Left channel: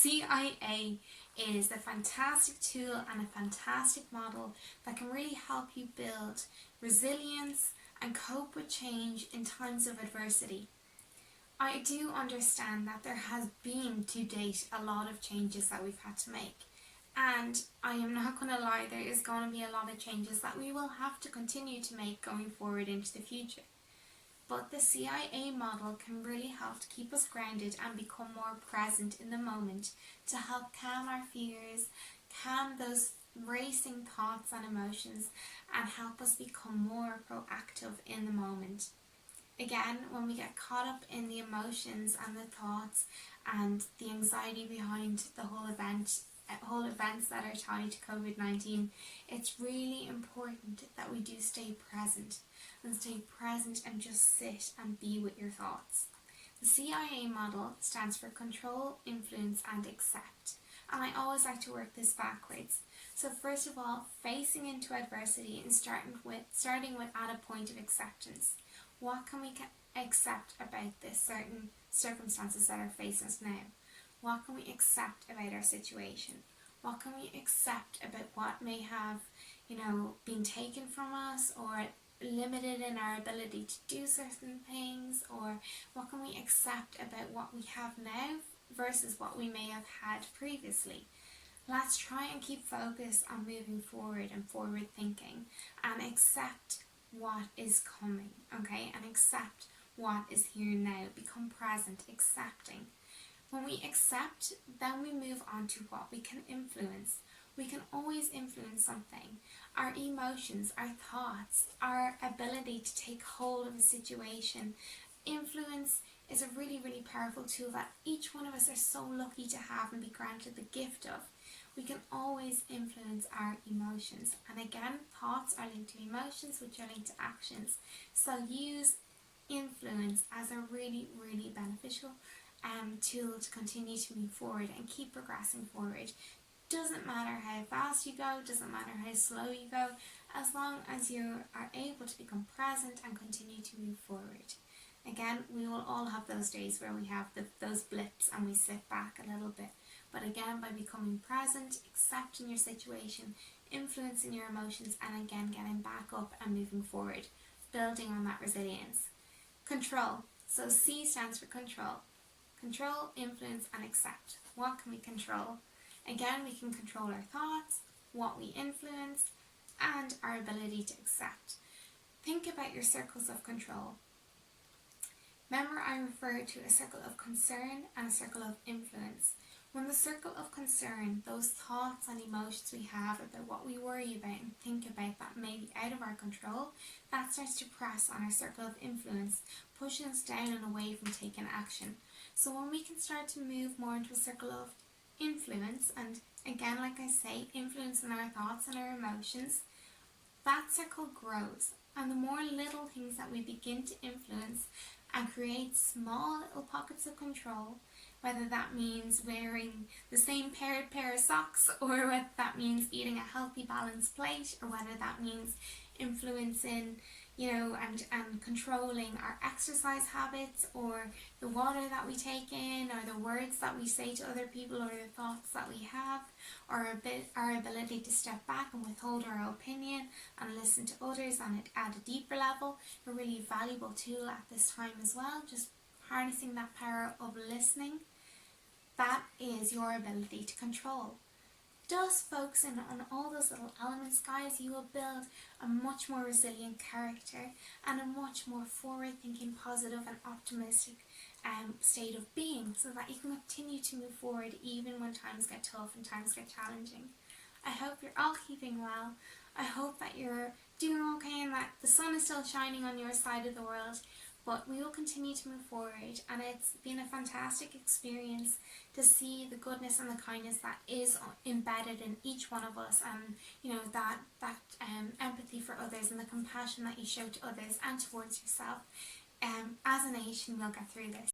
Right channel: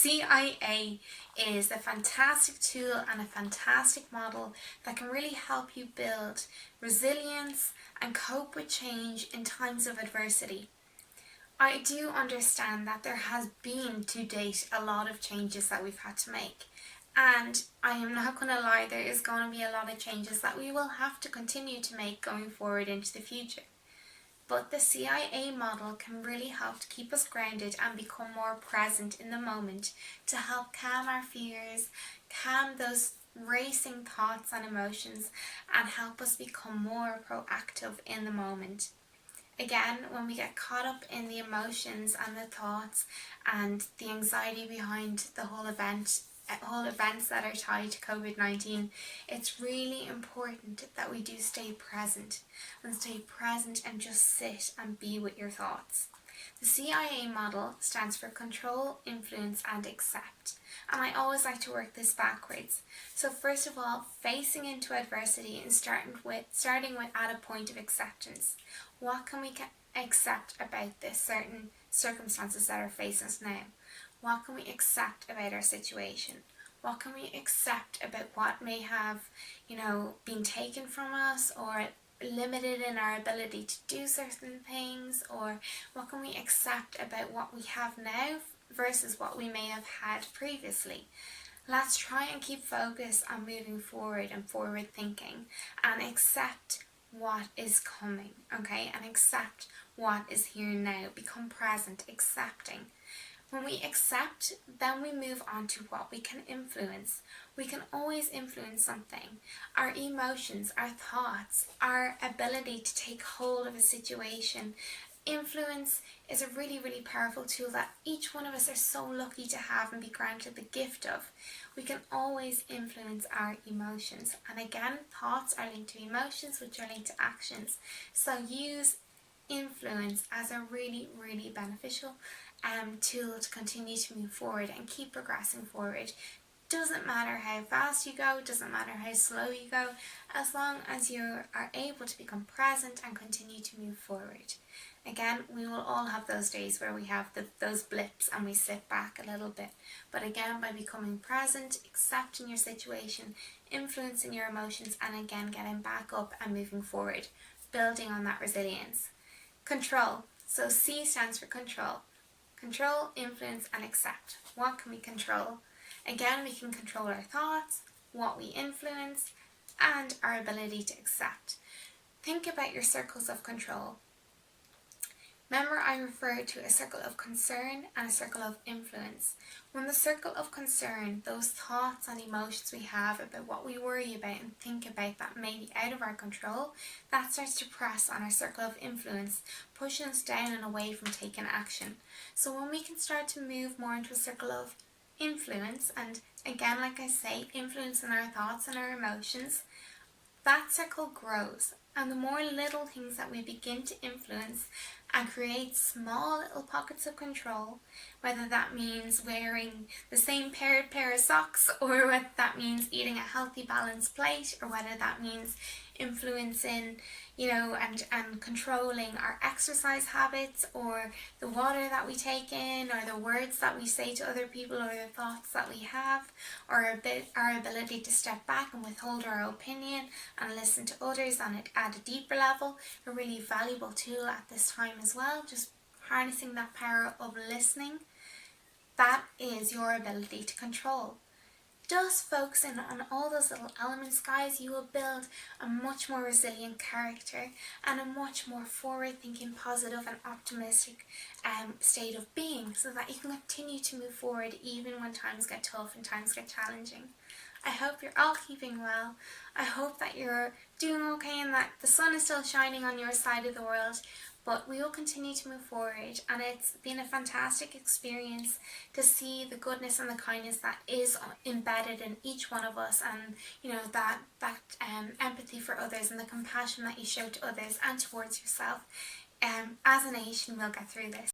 CIA is a fantastic tool and a fantastic model that can really help you build resilience and cope with change in times of adversity. I do understand that there has been to date a lot of changes that we've had to make, and I am not going to lie, there is going to be a lot of changes that we will have to continue to make going forward into the future. But the CIA model can really help to keep us grounded and become more present in the moment, to help calm our fears, calm those racing thoughts and emotions, and help us become more proactive in the moment. Again, when we get caught up in the emotions and the thoughts and the anxiety behind the whole events that are tied to COVID-19, it's really important that we do stay present and just sit and be with your thoughts. The CIA model stands for control, influence and accept, and I always like to work this backwards. So first of all, facing into adversity and starting with at a point of acceptance. What can we accept about this certain circumstances that are facing us now? What can we accept about our situation? What can we accept about what may have, been taken from us or limited in our ability to do certain things? Or what can we accept about what we have now versus what we may have had previously? Let's try and keep focus on moving forward and forward thinking and accept what is coming, okay? And accept what is here now. Become present, accepting. When we accept, then we move on to what we can influence. We can always influence something. Our emotions, our thoughts, our ability to take hold of a situation. Influence is a really, really powerful tool that each one of us are so lucky to have and be granted the gift of. We can always influence our emotions. And again, thoughts are linked to emotions, which are linked to actions. So use influence as a really, really beneficial tool to continue to move forward and keep progressing forward. Doesn't matter how fast you go, doesn't matter how slow you go, as long as you are able to become present and continue to move forward. Again, we will all have those days where we have those blips and we sit back a little bit. But again, by becoming present, accepting your situation, influencing your emotions, and again, getting back up and moving forward, building on that resilience. Control. So C stands for control. Control, influence, and accept. What can we control? Again, we can control our thoughts, what we influence, and our ability to accept. Think about your circles of control. Remember, I referred to a circle of concern and a circle of influence. When the circle of concern, those thoughts and emotions we have about what we worry about and think about that may be out of our control, that starts to press on our circle of influence, pushing us down and away from taking action. So when we can start to move more into a circle of influence, and again, like I say, influencing our thoughts and our emotions, that circle grows. And the more little things that we begin to influence and create small little pockets of control, whether that means wearing the same pair of socks, or whether that means eating a healthy balanced plate, or whether that means influencing, and controlling our exercise habits, or the water that we take in, or the words that we say to other people, or the thoughts that we have, or our ability to step back and withhold our opinion and listen to others and at a deeper level, a really valuable tool at this time as well, just harnessing that power of listening. That is your ability to control. Just focusing on all those little elements, guys, you will build a much more resilient character and a much more forward-thinking, positive and optimistic state of being, so that you can continue to move forward even when times get tough and times get challenging. I hope you're all keeping well. I hope that you're doing okay and that the sun is still shining on your side of the world. But we will continue to move forward, and it's been a fantastic experience to see the goodness and the kindness that is embedded in each one of us, and that empathy for others and the compassion that you show to others and towards yourself. As a nation, we'll get through this.